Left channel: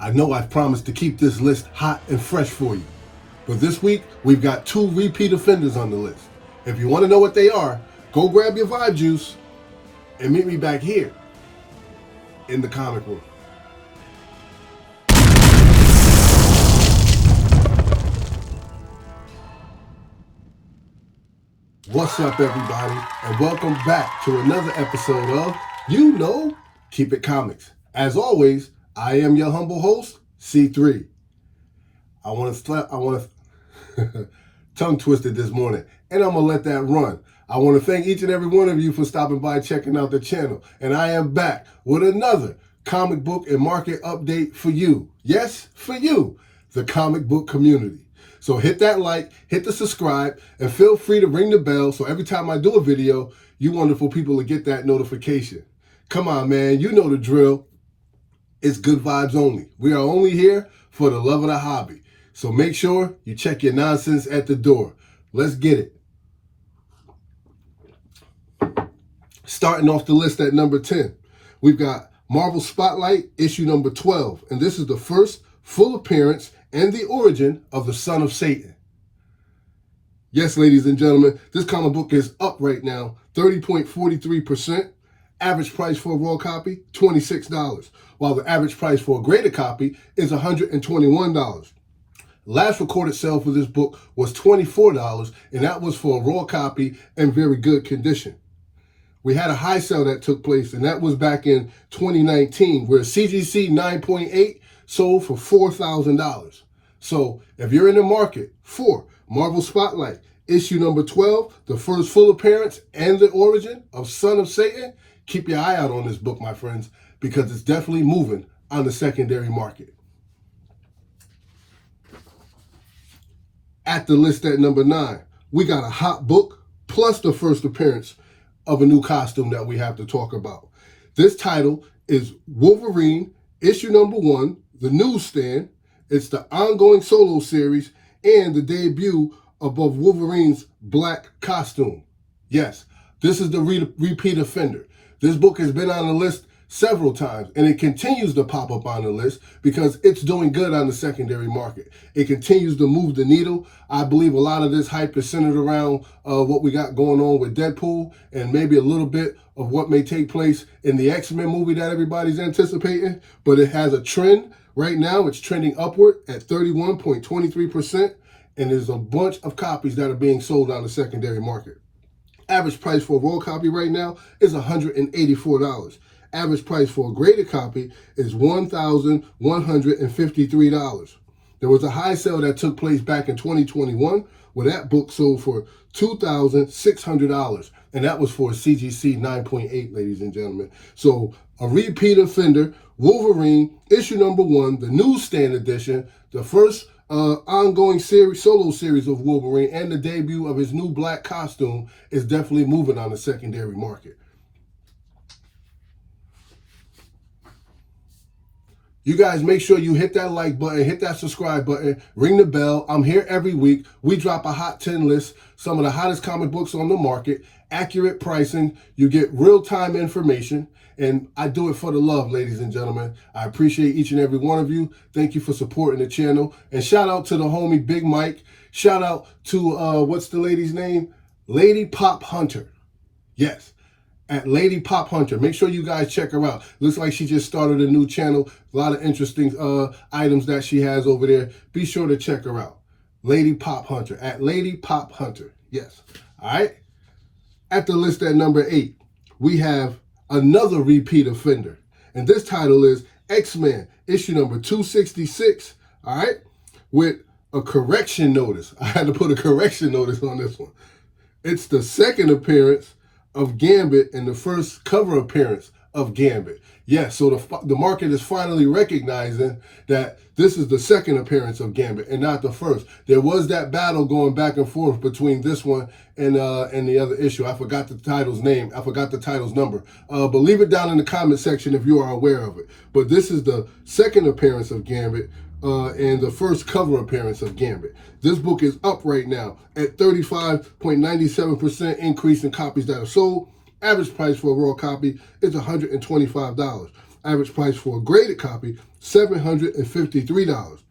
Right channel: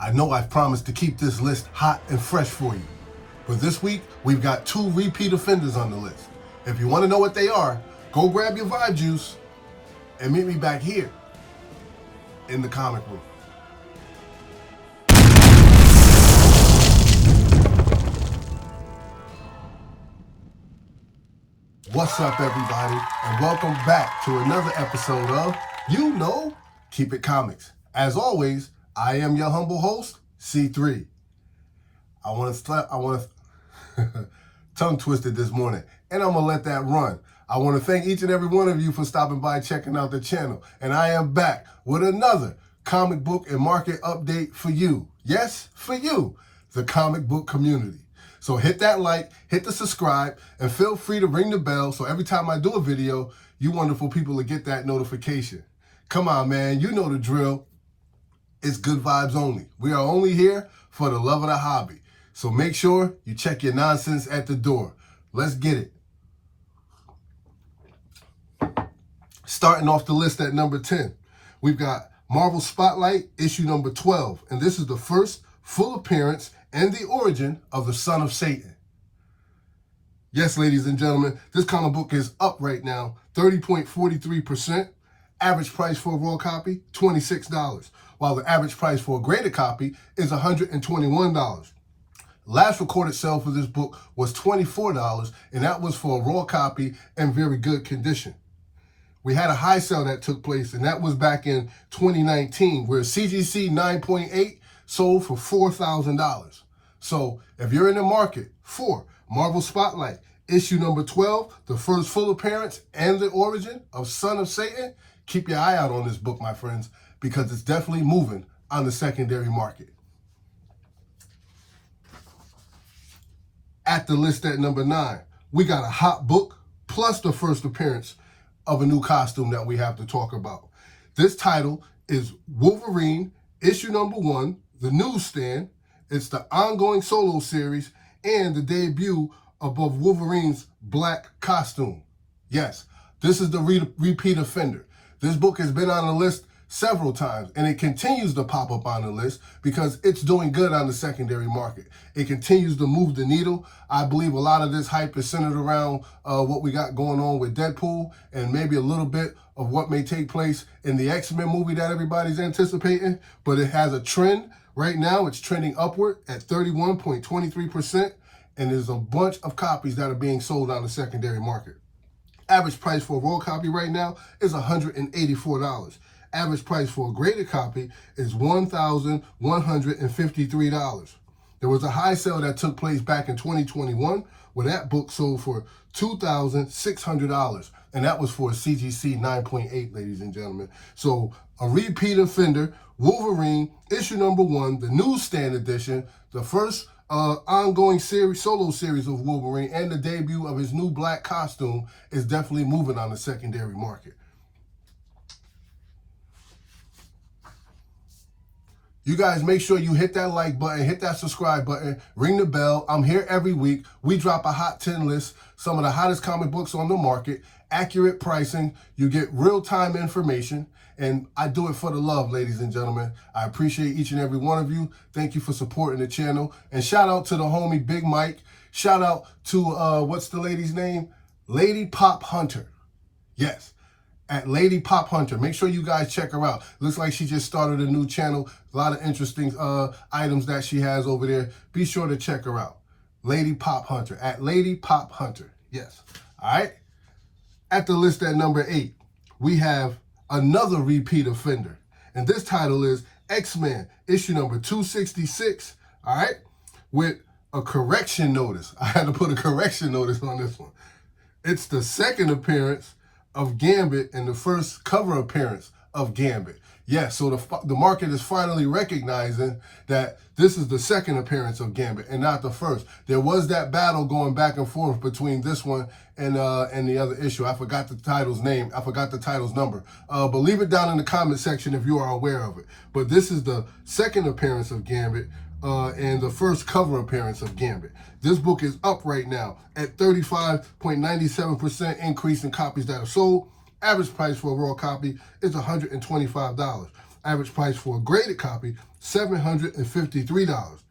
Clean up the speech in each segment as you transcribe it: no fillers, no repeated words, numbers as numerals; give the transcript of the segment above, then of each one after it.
I know I've promised to keep this list hot and fresh for you, but this week we've got 2 repeat offenders on the list. If you want to know what they are, go grab your Vibe Juice and meet me back here in the comic room. What's up, everybody, and welcome back to another episode of Keep It Comics. As always, I am your humble host, C3. I want to tongue twisted this morning, and I'm gonna let that run. I want to thank each and every one of you for stopping by, checking out the channel, and I am back with another comic book and market update for you. Yes, for you, the comic book community. So hit that like, hit the subscribe, and feel free to ring the bell so every time I do a video, you wonderful people will get that notification. Come on, man, you know the drill. It's good vibes only. We are only here for the love of the hobby. So make sure you check your nonsense at the door. Let's get it. Starting off the list at number 10, we've got Marvel Spotlight, issue number 12. And this is the first full appearance and the origin of the Son of Satan. Yes, ladies and gentlemen, this comic book is up right now, 30.43%. Average price for a raw copy, $26, while the average price for a graded copy is $121. Last recorded sale for this book was $24, and that was for a raw copy in very good condition. We had a high sale that took place, and that was back in 2019, where CGC 9.8 sold for $4,000. So if you're in the market for Marvel Spotlight, issue number 12, the first full appearance and the origin of Son of Satan, keep your eye out on this book, my friends, because it's definitely moving on the secondary market. At the list at number 9, we got a hot book plus the first appearance of a new costume that we have to talk about. This title is Wolverine, issue number 1, the newsstand. It's the ongoing solo series and the debut of Wolverine's black costume. Yes, this is the repeat offender. This book has been on the list several times, and it continues to pop up on the list because it's doing good on the secondary market. It continues to move the needle. I believe a lot of this hype is centered around what we got going on with Deadpool and maybe a little bit of what may take place in the X-Men movie that everybody's anticipating, but it has a trend. Right now, it's trending upward at 31.23%, and there's a bunch of copies that are being sold on the secondary market. Average price for a raw copy right now is $184. Average price for a graded copy is $1,153. There was a high sale that took place back in 2021 where that book sold for $2,600, and that was for a CGC 9.8, ladies and gentlemen. So a repeat offender, Wolverine, issue number 1, the newsstand edition, the first ongoing solo series of Wolverine, and the debut of his new black costume is definitely moving on the secondary market. You guys make sure you hit that like button, hit that subscribe button, ring the bell. I'm here every week. We drop a hot 10 list, some of the hottest comic books on the market, accurate pricing. You get real-time information, and I do it for the love, ladies and gentlemen. I appreciate each and every one of you. Thank you for supporting the channel. And shout out to the homie Big Mike. Shout out to, what's the lady's name? Lady Pop Hunter. Yes. At Lady Pop Hunter. Make sure you guys check her out. Looks like she just started a new channel. A lot of interesting items that she has over there. Be sure to check her out. Lady Pop Hunter. At Lady Pop Hunter. Yes. All right. At the list at number 8, we have another repeat offender. And this title is X-Men, issue number 266. All right. With a correction notice. I had to put a correction notice on this one. It's the second appearance of Gambit and the first cover appearance of Gambit. Yes, so the market is finally recognizing that this is the second appearance of Gambit and not the first. There was that battle going back and forth between this one and the other issue. I forgot the title's name. I forgot the title's number. But leave it down in the comment section if you are aware of it. But this is the second appearance of Gambit and the first cover appearance of Gambit. This book is up right now at 35.97% increase in copies that are sold. Average price for a raw copy is $125. Average price for a graded copy, $753.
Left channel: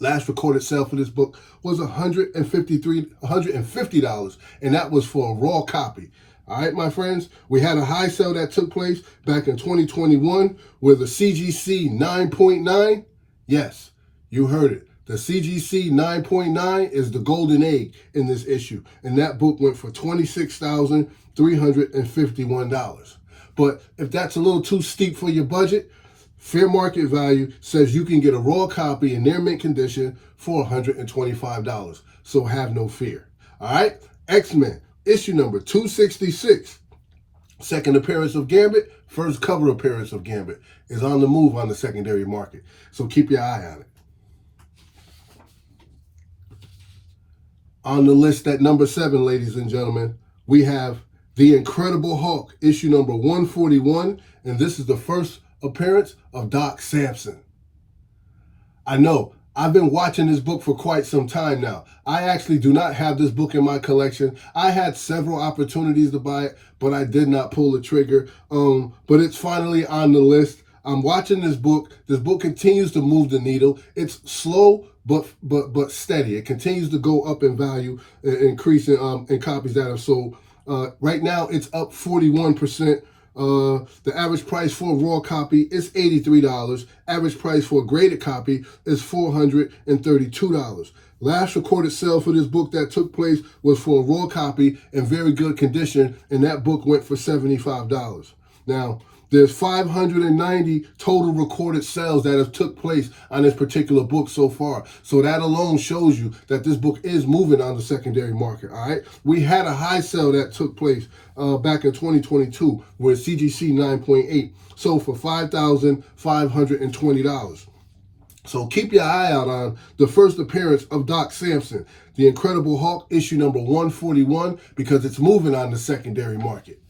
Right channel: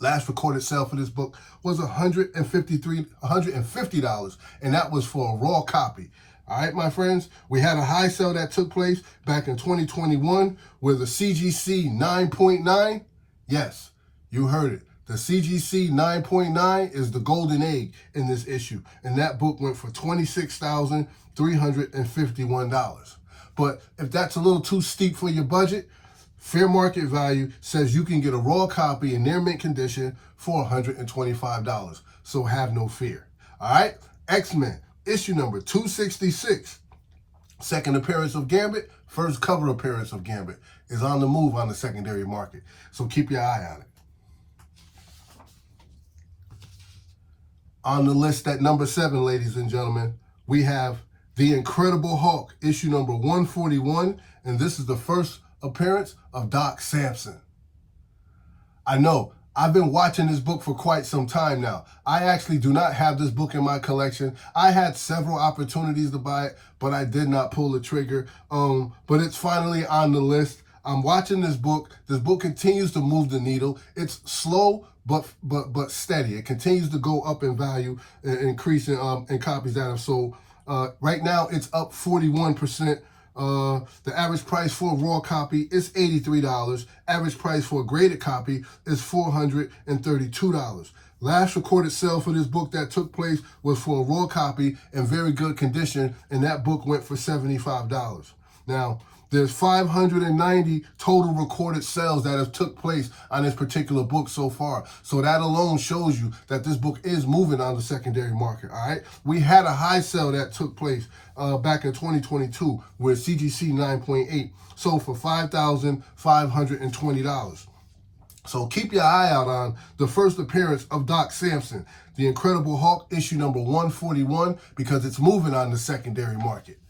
Last recorded sale for this book was $150, and that was for a raw copy. All right, my friends, we had a high sale that took place back in 2021 with a CGC 9.9. Yes, you heard it. The CGC 9.9 is the golden egg in this issue, and that book went for $26,351. But if that's a little too steep for your budget, fair market value says you can get a raw copy in near mint condition for $125. So have no fear. All right, X-Men, issue number 266. Second appearance of Gambit, first cover appearance of Gambit is on the move on the secondary market. So keep your eye on it. On the list at number 7, ladies and gentlemen, we have The Incredible Hulk, issue number 141, and this is the first appearance of Doc Samson. I know, I've been watching this book for quite some time now. I actually do not have this book in my collection. I had several opportunities to buy it, but I did not pull the trigger. But it's finally on the list. I'm watching this book. This book continues to move the needle. It's slow, but steady. It continues to go up in value, increasing in copies that have sold. Right now, it's up 41%. The average price for a raw copy is $83. Average price for a graded copy is $432. Last recorded sale for this book that took place was for a raw copy in very good condition, and that book went for $75. Now, there's 590 total recorded sales that have took place on this particular book so far. So that alone shows you that this book is moving on the secondary market, all right? We had a high sale that took place back in 2022 with CGC 9.8, sold for $5,520. So keep your eye out on the first appearance of Doc Samson, The Incredible Hulk, issue number 141, because it's moving on the secondary market.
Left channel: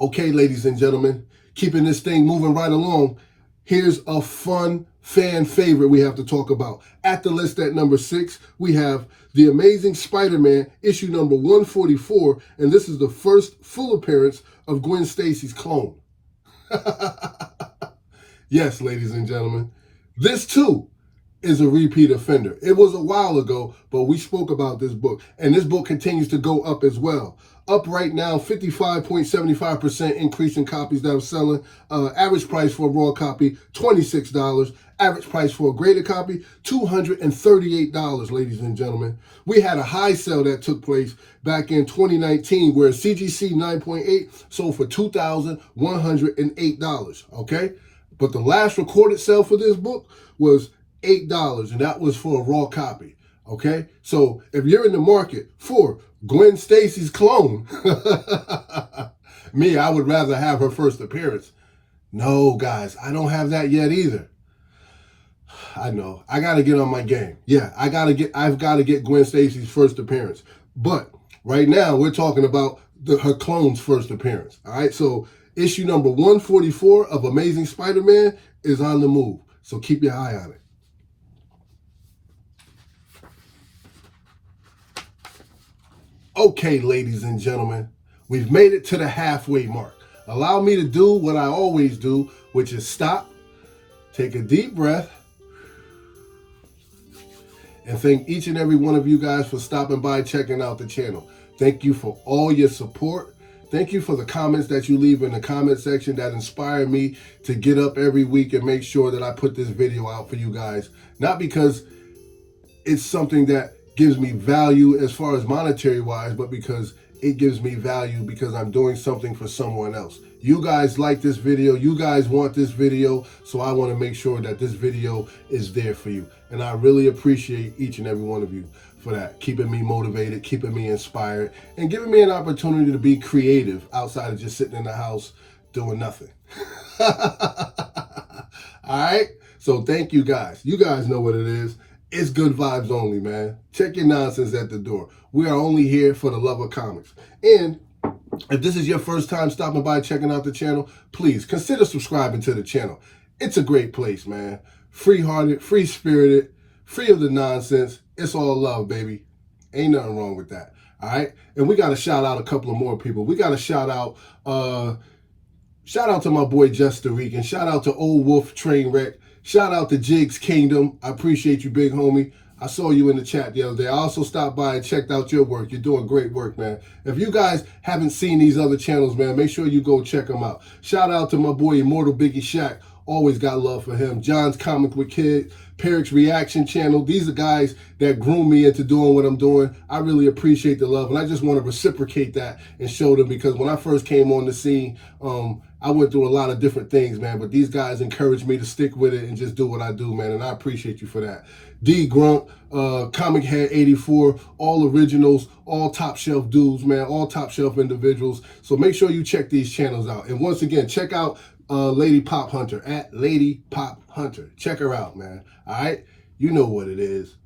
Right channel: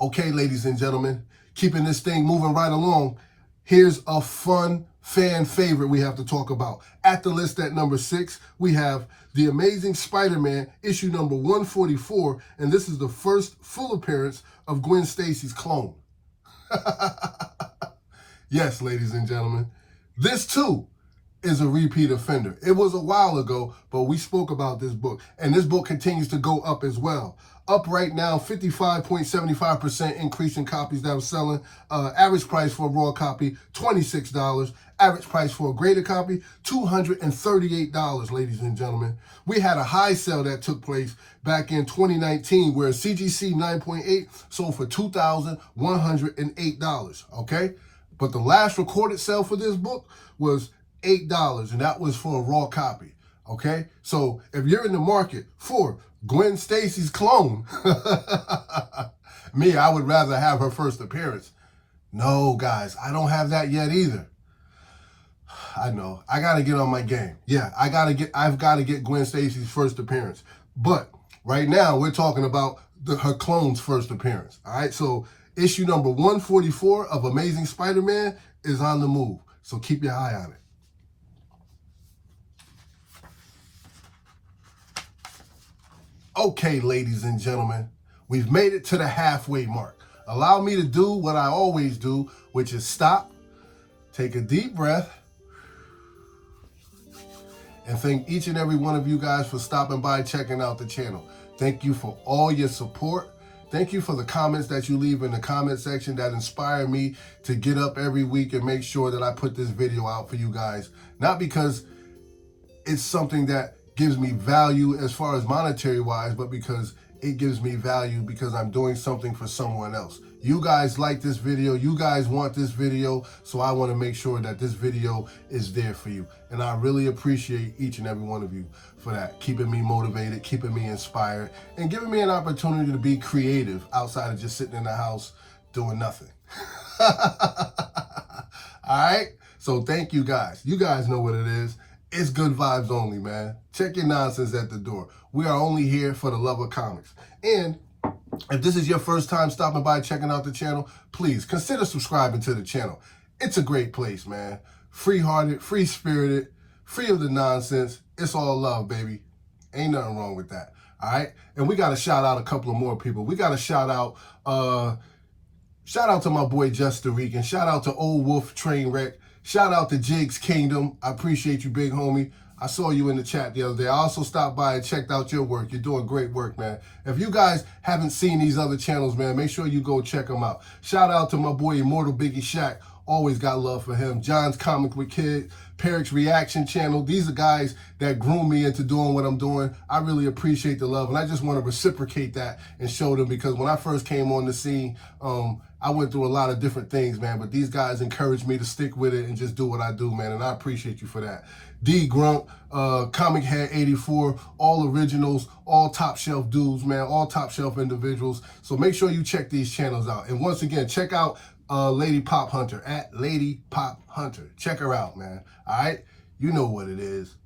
Okay, ladies and gentlemen, keeping this thing moving right along, here's a fun fan favorite we have to talk about. At the list at number 6, we have The Amazing Spider-Man, issue number 144, and this is the first full appearance of Gwen Stacy's clone. Yes, ladies and gentlemen, this too is a repeat offender. It was a while ago, but we spoke about this book, and this book continues to go up as well. Up right now, 55.75% increase in copies that are selling. Average price for a raw copy, $26. Average price for a graded copy, $238, ladies and gentlemen. We had a high sale that took place back in 2019 where CGC 9.8 sold for $2,108, okay? But the last recorded sale for this book was $8, and that was for a raw copy, okay? So if you're in the market for Gwen Stacy's clone, me, I would rather have her first appearance. No, guys, I don't have that yet either. I know, I got to get on my game. Yeah, I've got to get Gwen Stacy's first appearance. But right now, we're talking about her clone's first appearance, all right? So issue number 144 of Amazing Spider-Man is on the move, so keep your eye on it. Okay, ladies and gentlemen, we've made it to the halfway mark. Allow me to do what I always do, which is stop, take a deep breath, and thank each and every one of you guys for stopping by, checking out the channel. Thank you for all your support. Thank you for the comments that you leave in the comment section that inspire me to get up every week and make sure that I put this video out for you guys. Not because it's something that gives me value as far as monetary wise, but because it gives me value because I'm doing something for someone else. You guys like this video, you guys want this video, so I want to make sure that this video is there for you. And I really appreciate each and every one of you for that, keeping me motivated, keeping me inspired, and giving me an opportunity to be creative outside of just sitting in the house doing nothing. All right, so thank you guys. You guys know what it is. It's good vibes only, man. Check your nonsense at the door. We are only here for the love of comics. And if this is your first time stopping by, checking out the channel, please consider subscribing to the channel. It's a great place, man. Free-hearted, free-spirited, free of the nonsense. It's all love, baby. Ain't nothing wrong with that, all right? And we got to shout out a couple of more people. We got to shout out Shout out to my boy Justin Regan. Shout out to Old Wolf Trainwreck. Shout out to Jigs Kingdom. I appreciate you, big homie. I saw you in the chat the other day. I also stopped by and checked out your work. You're doing great work, man. If you guys haven't seen these other channels, man, make sure you go check them out. Shout out to my boy Immortal Biggie Shaq. Always got love for him. John's Comic with Kid, Peric's Reaction Channel. These are guys that groom me into doing what I'm doing. I really appreciate the love, and I just want to reciprocate that and show them, because when I first came on the scene, I went through a lot of different things, man, but these guys encouraged me to stick with it and just do what I do, man, and I appreciate you for that. D Grunt, Comic Head 84, all originals, all top shelf dudes, man, all top shelf individuals. So make sure you check these channels out. And once again, check out Lady Pop Hunter, at Lady Pop Hunter. Check her out, man. All right? You know what it is.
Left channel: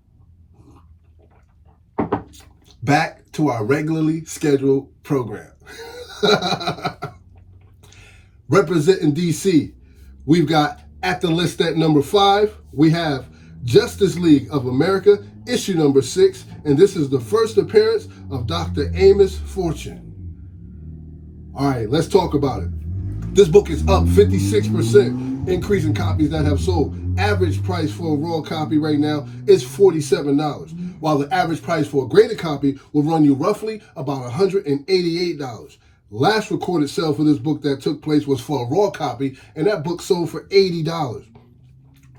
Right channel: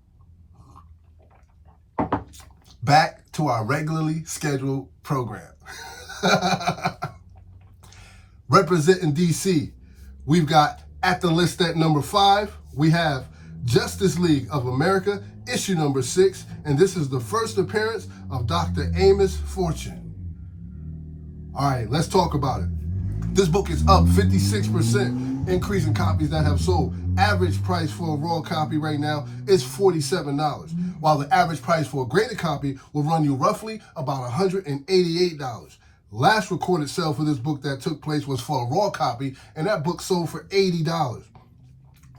Back to our regularly scheduled program. Representing DC, we've got at the list at number 5, we have Justice League of America, issue number 6, and this is the first appearance of Dr. Amos Fortune. All right, let's talk about it. This book is up 56%, increase in copies that have sold. Average price for a raw copy right now is $47, while the average price for a graded copy will run you roughly about $188. Last recorded sale for this book that took place was for a raw copy, and that book sold for $80.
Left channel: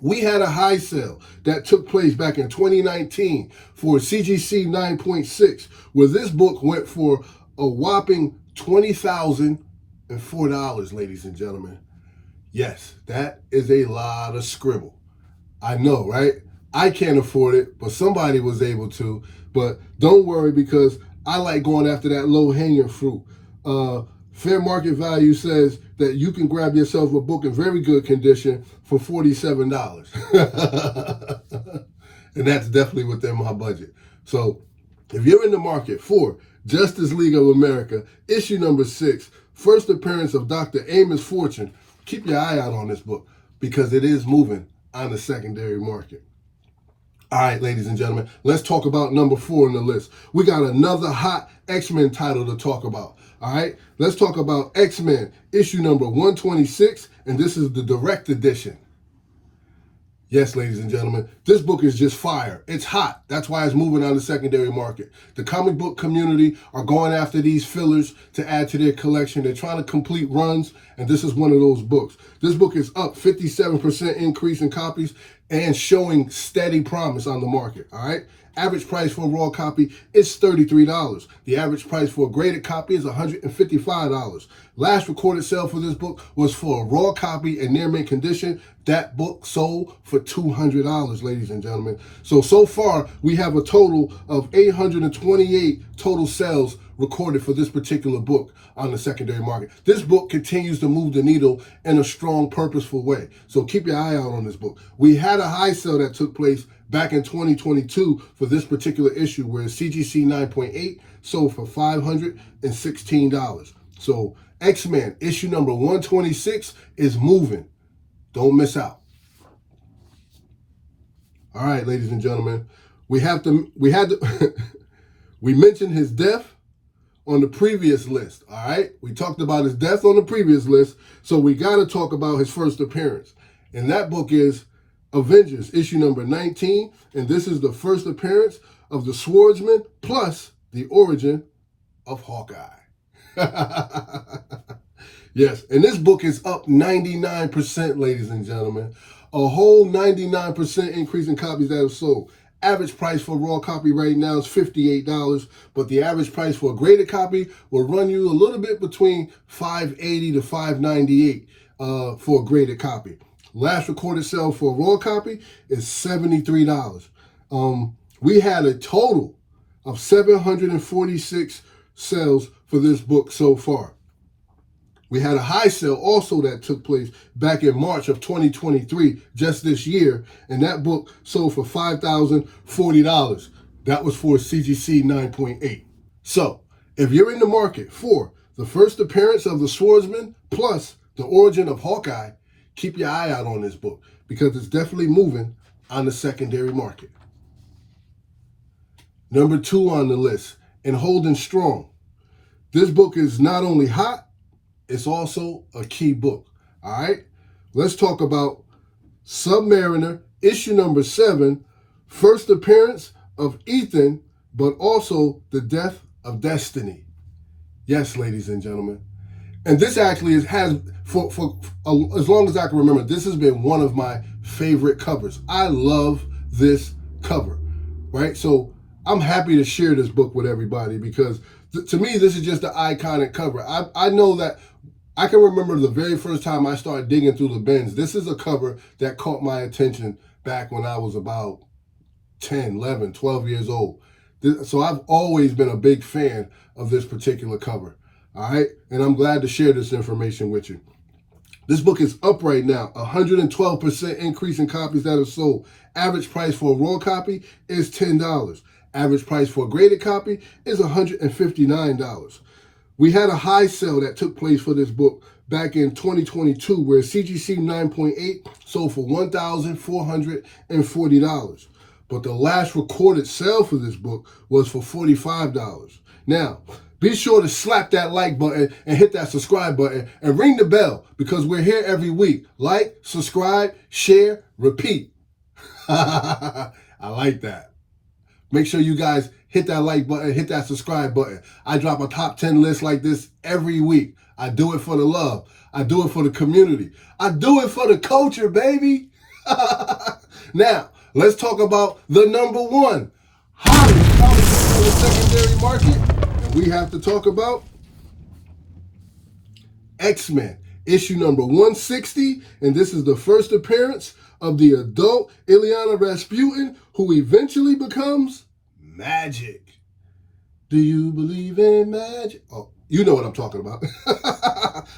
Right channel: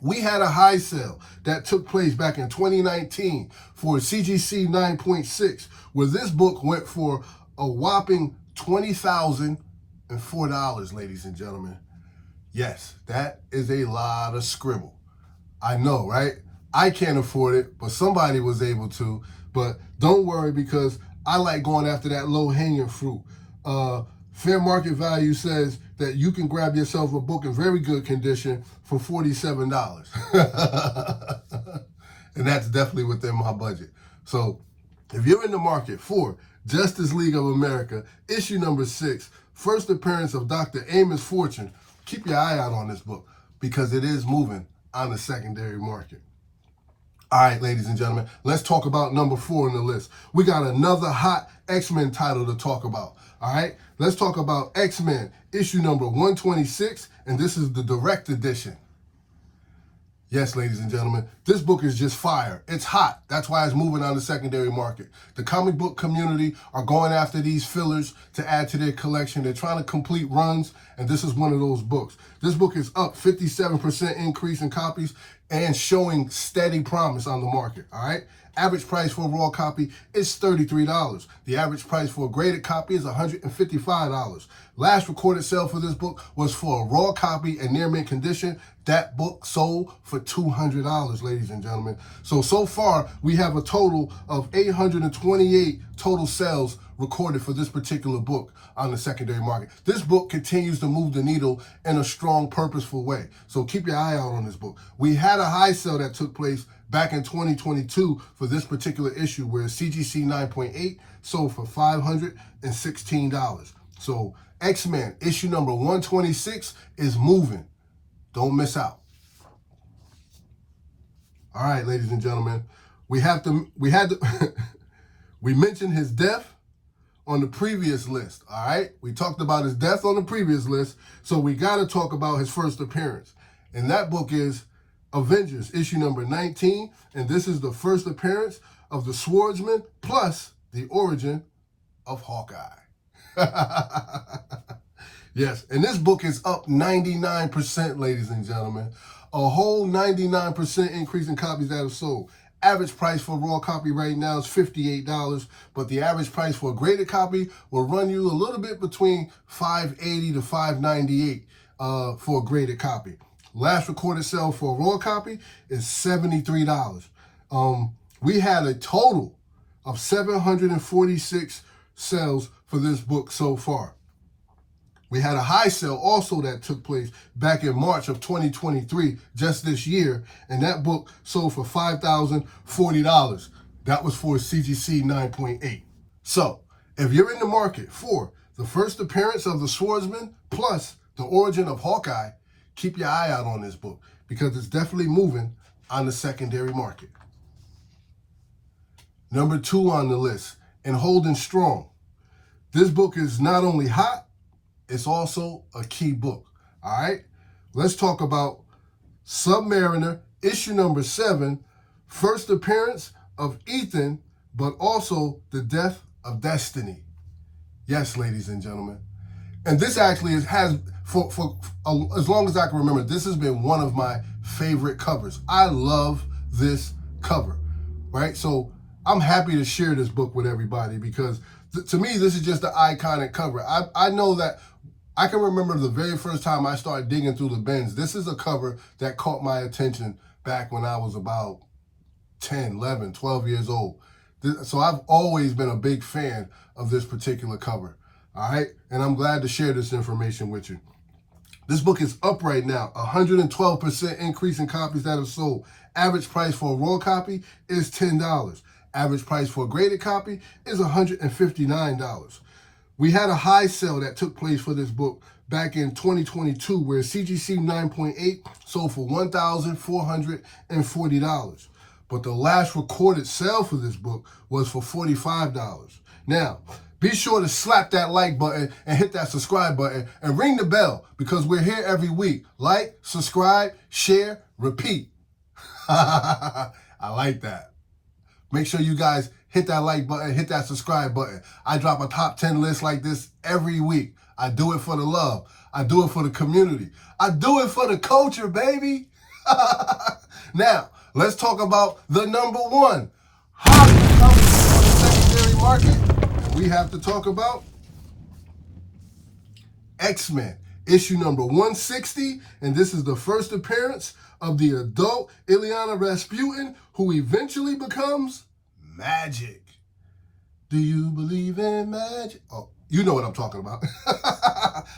We had a high sale that took place back in 2019 for CGC 9.6, where this book went for a whopping $20,004, ladies and gentlemen. Yes, that is a lot of scribble. I know, right? I can't afford it, but somebody was able to. But don't worry, because I like going after that low-hanging fruit. Fair market value says that you can grab yourself a book in very good condition for $47. And that's definitely within my budget. So if you're in the market for Justice League of America, issue number 6, first appearance of Dr. Amos Fortune, keep your eye out on this book, because it is moving on the secondary market. All right, ladies and gentlemen, let's talk about number 4 on the list. We got another hot X-Men title to talk about. All right, let's talk about X-Men, issue number 126, and this is the direct edition. Yes, ladies and gentlemen, this book is just fire. It's hot. That's why it's moving on the secondary market. The comic book community are going after these fillers to add to their collection. They're trying to complete runs, and this is one of those books. This book is up 57% increase in copies and showing steady promise on the market, all right? Average price for a raw copy is $33. The average price for a graded copy is $155. Last recorded sale for this book was for a raw copy in near mint condition. That book sold for $200, ladies and gentlemen. So far, we have a total of 828 total sales recorded for this particular book on the secondary market. This book continues to move the needle in a strong, purposeful way. So keep your eye out on this book. We had a high sale that took place back in 2022 for this particular issue, where CGC 9.8 sold for $516. So X-Men issue number 126 is moving. Don't miss out. All right, ladies and gentlemen, we mentioned his death on the previous list. All right, we talked about his death on the previous list, so we got to talk about his first appearance, and that book is Avengers, issue number 19, and this is the first appearance of the Swordsman plus the origin of Hawkeye. Yes, and this book is up 99%, ladies and gentlemen. A whole 99% increase in copies that have sold. Average price for a raw copy right now is $58, but the average price for a graded copy will run you a little bit between $580 to $598 for a graded copy. Last recorded sale for a raw copy is $73. We had a total of 746 sales for this book so far. We had a high sale also that took place back in March of 2023, just this year, and that book sold for $5,040. That was for CGC 9.8. So, if you're in the market for the first appearance of the Swordsman plus the origin of Hawkeye, keep your eye out on this book, because it's definitely moving on the secondary market. Number 2 on the list, and holding strong. This book is not only hot, it's also a key book. All right? Let's talk about Submariner, issue number 7, first appearance of Ethan, but also the death of Destiny. Yes, ladies and gentlemen. And this actually has, for as long as I can remember, this has been one of my favorite covers. I love this cover, right? So I'm happy to share this book with everybody because to me, this is just an iconic cover. I know that I can remember the very first time I started digging through the bins. This is a cover that caught my attention back when I was about 10, 11, 12 years old. So I've always been a big fan of this particular cover. All right, and I'm glad to share this information with you. This book is up right now, 112% increase in copies that are sold. Average price for a raw copy is $10. Average price for a graded copy is $159. We had a high sale that took place for this book back in 2022 where CGC 9.8 sold for $1,440. But the last recorded sale for this book was for $45. Now, be sure to slap that like button and hit that subscribe button and ring the bell because we're here every week. Like, subscribe, share, repeat. I like that. Make sure you guys hit that like button, hit that subscribe button. I drop a top 10 list like this every week. I do it for the love. I do it for the community. I do it for the culture, baby. Now, let's talk about the number one hottest comic in the secondary market. We have to talk about X-Men, issue number 160, and this is the first appearance of the adult Illyana Rasputin, who eventually becomes Magic. Do you believe in magic? Oh, you know what I'm talking about.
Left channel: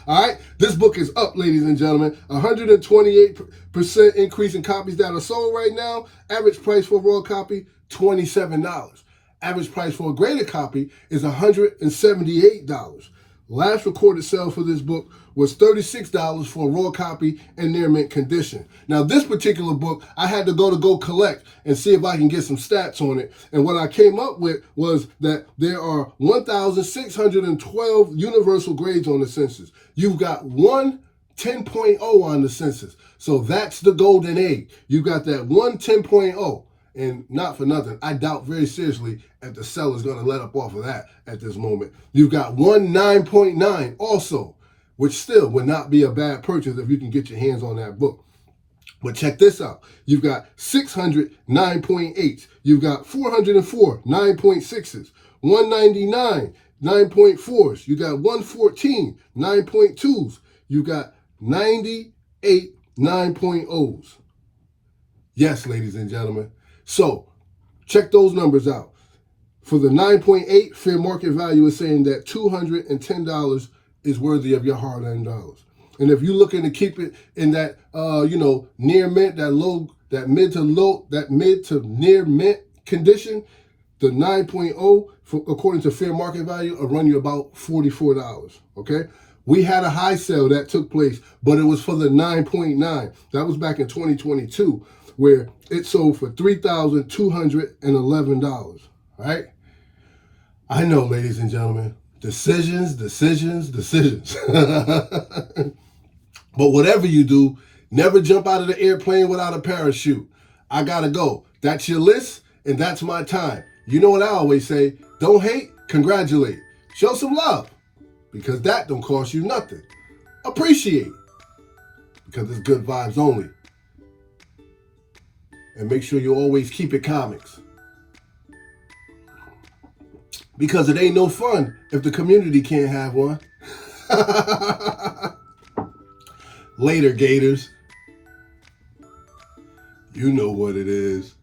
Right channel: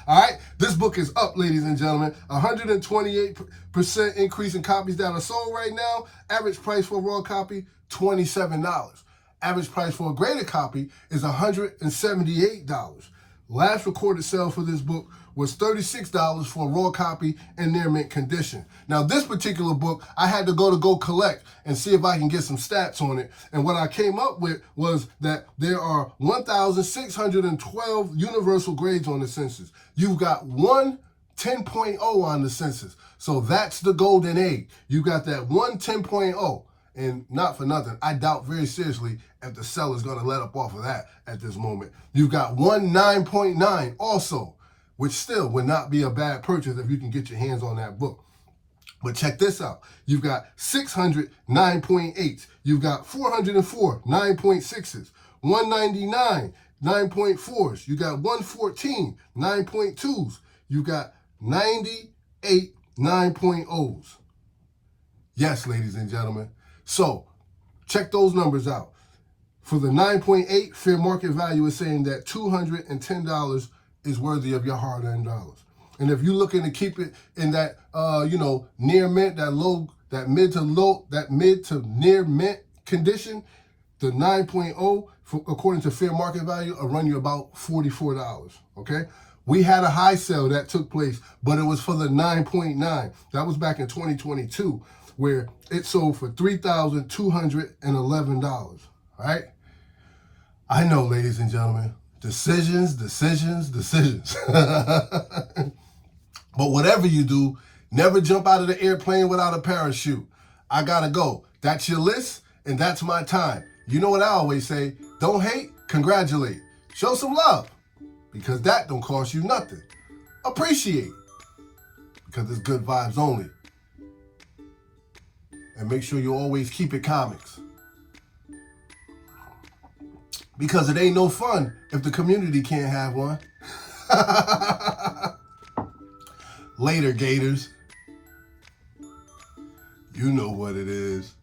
All right, this book is up, ladies and gentlemen. 128% increase in copies that are sold right now. Average price for a raw copy, $27. Average price for a graded copy is $178. Last recorded sale for this book was $36 for a raw copy in near mint condition. Now, this particular book, I had to go collect and see if I can get some stats on it. And what I came up with was that there are 1,612 universal grades on the census. You've got one 10.0 on the census. So that's the golden egg. You got that one 10.0. And not for nothing, I doubt very seriously if the seller's going to let up off of that at this moment. You've got one 9.9 also, which still would not be a bad purchase if you can get your hands on that book. But check this out. You've got 600 9.8s. You've got 404 9.6s, 199 9.4s. You got 114 9.2s. You got 98 9.0s. Yes, ladies and gentlemen. So, check those numbers out. For the 9.8, fair market value is saying that $210 is worthy of your hard-earned dollars. And if you're looking to keep it in that, near mint, that mid to near mint condition, the 9.0, according to fair market value, will run you about $44. Okay. We had a high sale that took place, but it was for the 9.9. That was back in 2022. Where it sold for $3,211, right? I know, ladies and gentlemen, decisions. But whatever you do, never jump out of the airplane without a parachute. I gotta go. That's your list, and that's my time. You know what I always say, don't hate, congratulate. Show some love, because that don't cost you nothing. Appreciate, because it's good vibes only. And make sure you always keep it comics. Because it ain't no fun if the community can't have one. Later, Gators. You know what it is.